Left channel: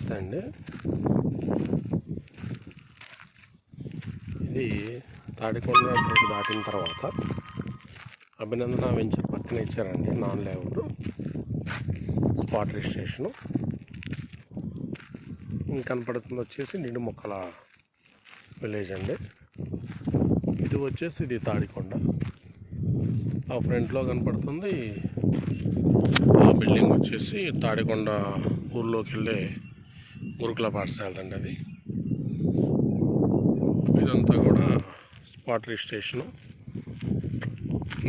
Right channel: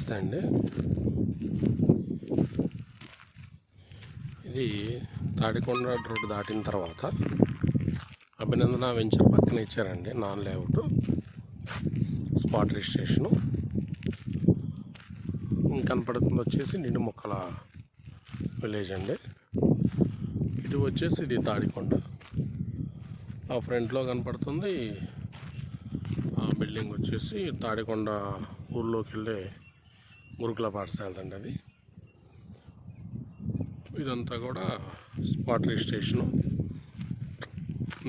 నమస్తే అండి. ఇది తాడికొండ రోడ్డు దాటిన తర్వాత అభినందన వెంచర్ పక్కన ఇచ్చారండి నాన్ లేఅవుట్. Spot registration. కనపడుతుంది వచ్చేసి నిండు మొక్కల విలేజ్ అండి. ఇటు వచ్చేసి ఇది తాడికొండ. ఆ ఫ్రంట్లో కనపడుతుంది ఆ బిల్డింగ్ వచ్చేసి తాడికొండ ఊర్లోకి వెళ్ళే గురుకుల పాఠశాల అండి అది. ఇదంతా కూడా spot registration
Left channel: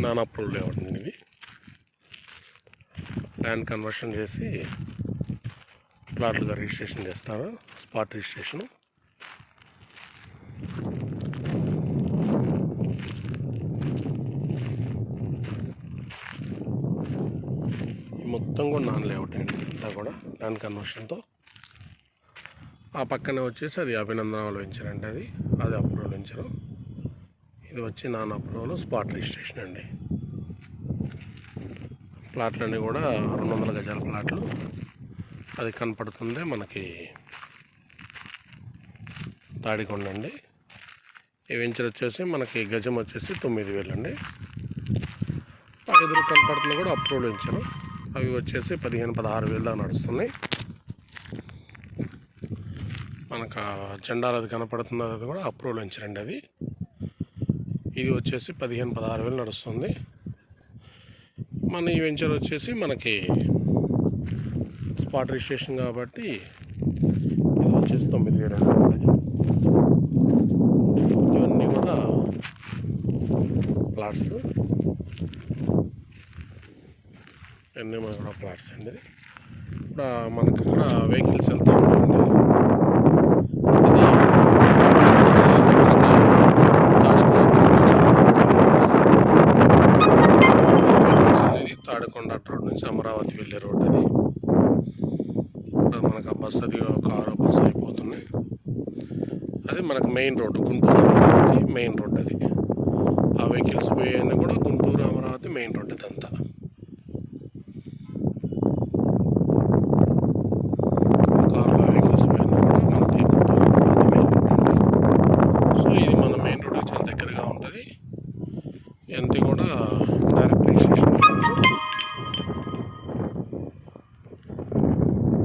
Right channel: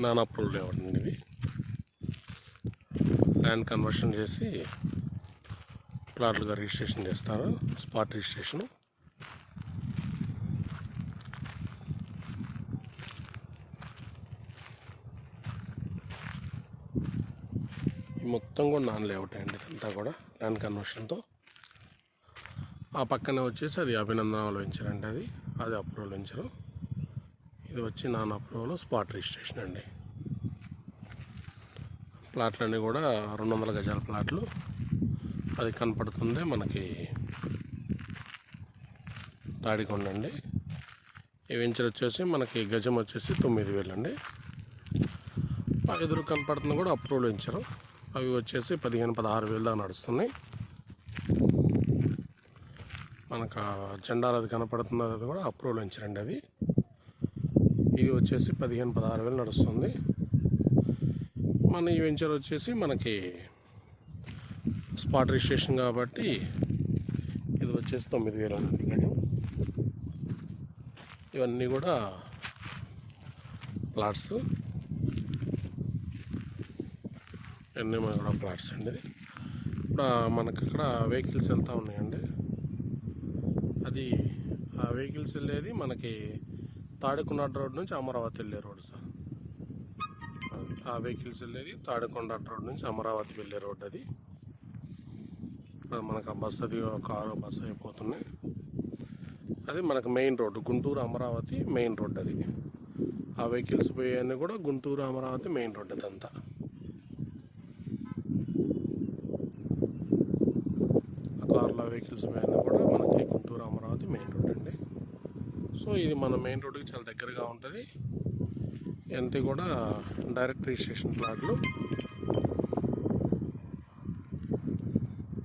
non approved layout అండి ఇది. ల్యాండ్ కన్వర్షన్ చేసి ప్లాట్లుగా రిజిస్ట్రేషన్ చేస్తారు స్పాట్ రిజిస్ట్రేషను మొత్తం కూడా నాన్ లేఅవుట్ అండి ఇదంతా కూడా ల్యాండ్ కన్వర్షన్తో. ఆ పక్కనే వచ్చేసి అది అభినందన అభినందనలు అండి అది. అది అప్రూవల్ వెంచరు ఇది వచ్చి నాన్ అప్రూవల్ స్పాట్ రిజిస్ట్రేషన్ అండి. ప్లాట్లన్నీ కూడా రెండు వందల గజాల ప్లాట్లు. అది కనపడుతుంది మనకి తాడికొండ అండి ఈ వెంచర్ వచ్చేసి మనకి గజం వచ్చేసి తొమ్మిది వేలు అండి ఆ ఎదురు కనపడుతుంది కూడా అప్రూవల్ వెంచరు. అవి వచ్చేసి పదిహేను పదహారు వేలు దాకా నడుస్తున్నాయి. మనకు జెండాలు అది కనపడుతుంది అది కూడా అప్రూవల్ వెంచరండి అది. ఇది వచ్చేసి పదిహేను పదహారు వేలు నడుస్తుంది. మన ఈ వెంచర్ వచ్చేసి మనకి స్పాట్ రిజిస్ట్రేషన్ కాబట్టి ఇది వచ్చేసి తొమ్మిది వేలు అండి. ఇవన్నీ కూడా ప్లాట్స్. ఇవన్నీ మన కూడా ప్లాట్స్ అండి. ఇప్పుడు మనకి ఇక్కడ వెహికల్స్ వెళ్తూ ఉన్నాయండి. అది మనకి తాడికొండ రోడ్ నుంచి అమరావతి వెళ్ళే రోడ్ అది మనకు ఆ బస్సు అది కారు బస్సు అయిపోతున్నాయి అది మనకు main road Guntur Amaravati main road అది ఆ వెహికల్స్ పోయేవన్నీ కూడా గుంటూరు అమరావతి మెయిన్ రోడ్ అంతా కార్లో వెహికల్స్ పోయినా కూడా మనకి గుంటూరు అమరావతి మెయిన్ రోడ్ అండి సో ఇది మన మెయిన్ రోడ్కి చాలా దగ్గరగా ఉంటుంది ఇవన్నీ కూడా డైరెక్ట్ రిజిస్ట్రేషన్ కార్డు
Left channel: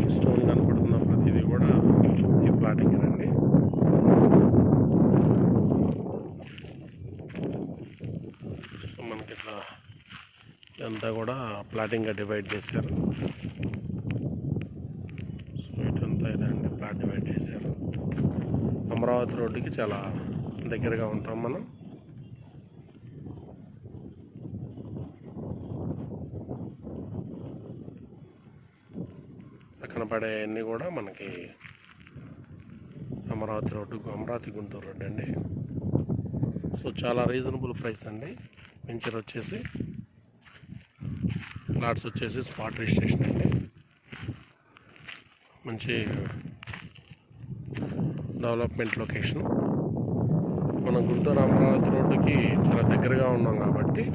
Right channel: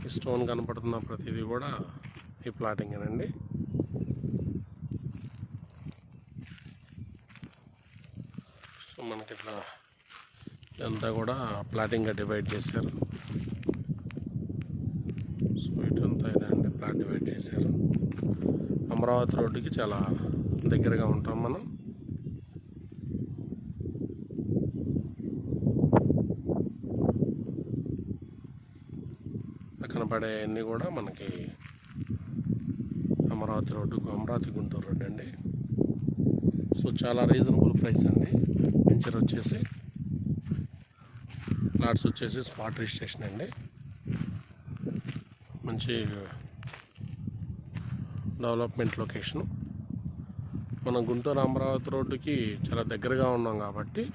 ఈ స్టోన్ కనపడుతున్న ప్రతిదీ కూడా ఈ ప్లాటింగ్ అండి సో మనకి ఇట్లా ఇదంతా కూడా ప్లాటింగ్గా డివైడ్ చేశారు. సో ఇటంతా ఇదండి ప్లాట్ డివైడ్ చేశారు. అమరావతి రోడ్డుకి చాలా దగ్గరగా ఉంటాం మనం. కనపడేవన్నీ కూడా మనకి అమరావతి రోడ్డు అమరావతి గుంటూరు రోడ్డు అండి. సో చాలా రీజనబుల్ ప్రైస్ అండి. వెంచర్ వచ్చేసి ప్లాట్స్ వచ్చేసి స్పాట్ రిజిస్ట్రేషన్ అండి. మంచి డెవలప్మెంట్ లొకేషను మనం గుంటూరు అమరావతి రోడ్డుకి చాలా దగ్గరగా ఉన్నాం కాబట్టి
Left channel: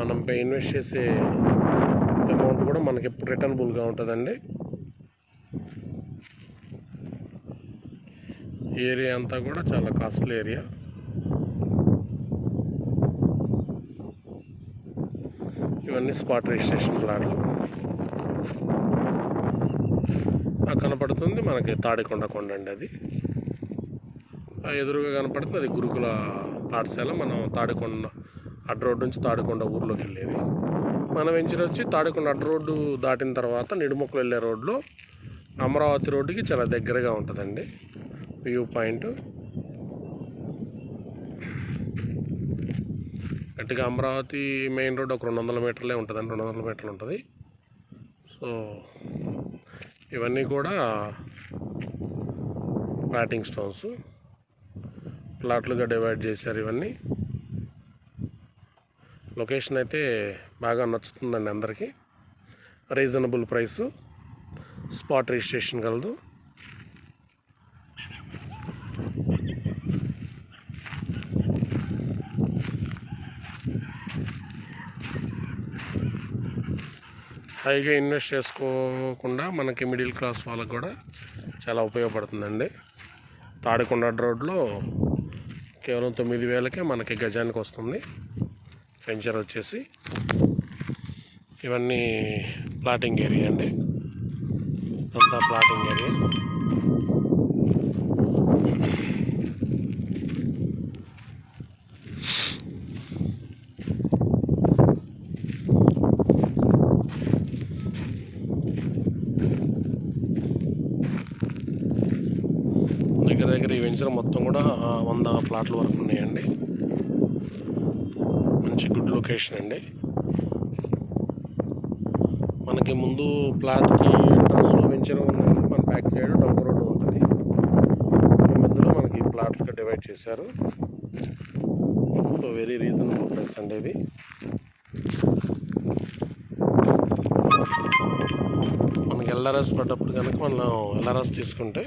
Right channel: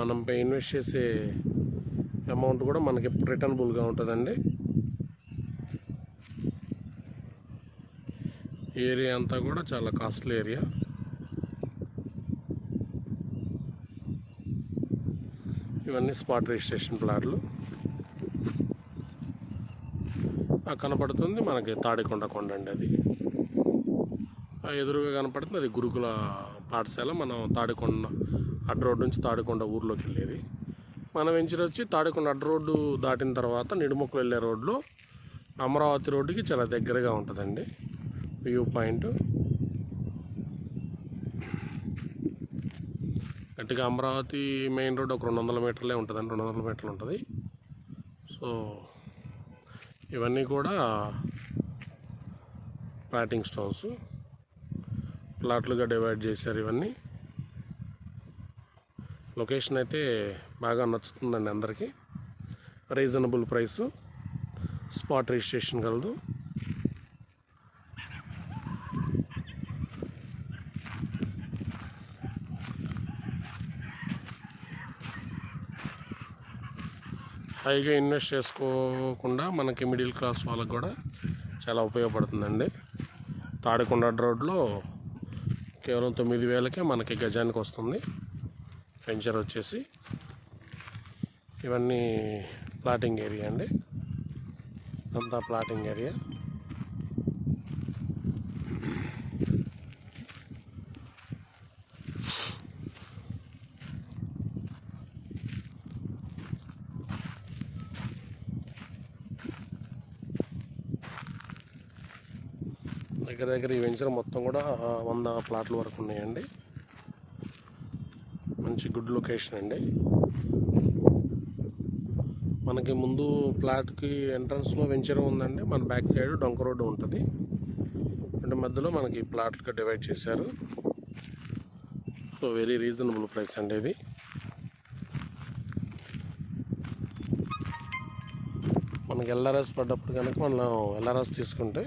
మనం ఇన్వెస్ట్ చేసే అమౌంట్ కూడా మనకి ఎప్పుడు రిటర్నబుల్గా ఉంటుందండి. ఏరియా అంతా కూడా చాలా కాస్ట్లీ ఏరియా. ఇవన్నీ స్పాట్ రిజిస్ట్రేషన్ ప్లాట్లు. ఆ కనపడుతుంది మనకి తాడికొండ కొండ అండి అది. ఆ ఎదురుగా కనపడుతుంది అది గురుకుల పాఠశాల. మనం తాడికొండ అడ్డ రోడ్ నుంచి తాడికొండ ఊర్లోకి వెళ్ళేది. మన వెంచర్ వచ్చి తాడికొండ రోడ్డు దాటిన తర్వాత నిడుముక్కలు వెళ్ళే రోడ్లో అమరావతి రోడ్డుకి చాలా దగ్గరగా ఉంటుందండి. View point. గట్టిగా అమరావతి మెయిన్ రోడ్ ఒక రెండు వందల మీటర్లే ఉంటుందండి రెండు వందల మీటర్లు ఉంటుంది. సో ఇవన్నీ కూడా ప్లాటింగ్ స్టోన్స్. ప్లాట్లుగా డివైడ్ చేశారు ఇవన్నీ. లొకేషన్ అయితే బాగా నచ్చుతుందండి అందరికీ. Reasonable price. స్పాట్ రిజిస్ట్రేషన్ కలదు. హైగా ఇన్వెస్ట్ చేసుకోకుండా మనకి మిడిల్ క్లాస్ వాళ్ళకి కూడా చాలా ఉపయోగపడుతుందండి. తాడికొండ రోడ్లో కేవలం తొమ్మిది వేలకే మనకి గజానికి వస్తుంది. వెంచర్ వచ్చేసి ఇవన్నీ ప్లాటింగ్ ఏరియా అండి. అంతా ప్లాటింగ్ ఏరియా. దగ్గర దగ్గర ఈ వెంచర్ మొత్తం కూడా వంద ప్లాట్ల వరకు ఉన్నాయండి. మంచి గుడ్ లొకేషన్ అండి. మనకి ముందు ప్లాట్కి ఎంట్రన్స్లో వెంచర్ ఉందండి. మన బ్యాక్ సైడ్ డొంక రోడ్డు ఉంటుంది. అంటే మధ్యలో మనకి ప్లాట్లుగా డివైడ్ చేశారు. సో వెరీ రీజనబుల్ ప్రైస్ అండి ఇది. మనకి ఎల్ఆర్ఎస్ పడ్డప్పుడు కనుక మనం ఎల్ఆర్ఎస్ తీసుకుంటే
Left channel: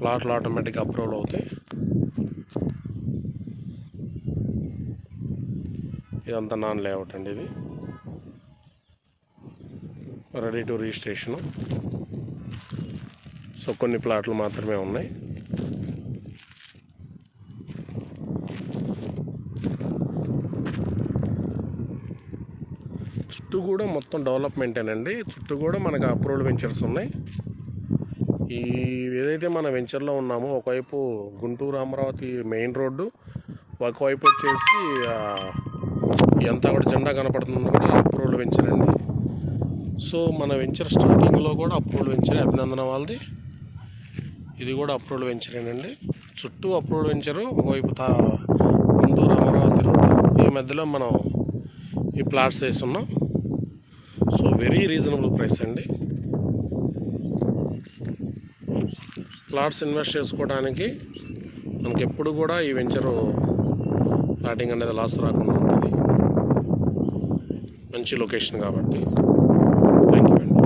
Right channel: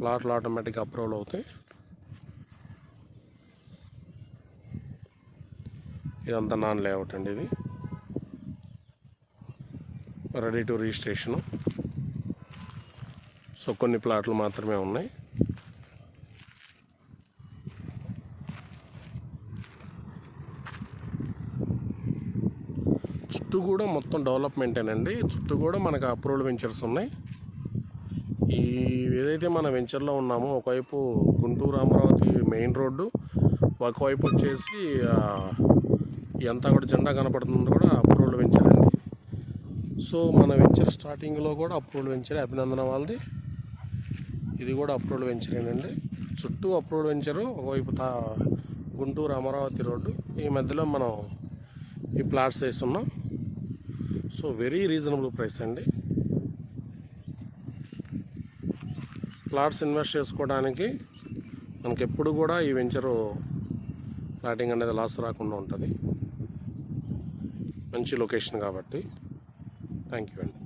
ప్లాట్లు ఆటోమేటిక్ అప్రూవల్ అవుతాయి. ఇదంతా నాన్ లేఅవుట్ అండి ఇది. Ready to registration. సో కొన్ని ప్లాట్లు మాత్రమే ఉన్నాయి. చుట్టూ కూడా మొత్తం డెవలప్మెంటేనండి. చుట్టూ కూడా మనకు అప్రూవల్ వెంచర్స్ ఉన్నాయి. ఈ ఏదైతే మన వెంచర్లో ఉన్నామో ఒకవైపు గుంటూరు అమరావతి మెయిన్ రోడ్డు ఒకవైపు వచ్చేసి ఎంత కూడా జెండా కనపడుతుందో కూడా అప్రూవల్ వెంచర్ అండి. సో మన వెంచర్ స్టార్టింగ్లో కూడా అప్రూవల్ వెంచర్ అభినందన వాళ్ళది. ఇది కూడా అప్రూవల్ వెంచరేనండి. చుట్టూ అప్రూవల్ వెంచరు ఒకవైపు తా గుంటూరు అమరావతి రోడ్డు ఈ మధ్యలో మనం ఈ ప్లాట్స్ వేస్తున్నాం సో వెరీ రీజనబుల్ ప్రైస్ అండి. ప్లాట్స్ ఇన్వెస్ట్ చేసుకోవడానికి మనకి ఎప్పుడు కూడా ఈ వెంచరు ప్లాటింగ్ అనేది లాస్ రాకుండా ఉంటుంది. మంచి లొకేషన్ కాబట్టి. థ్యాంక్ యూ అండి.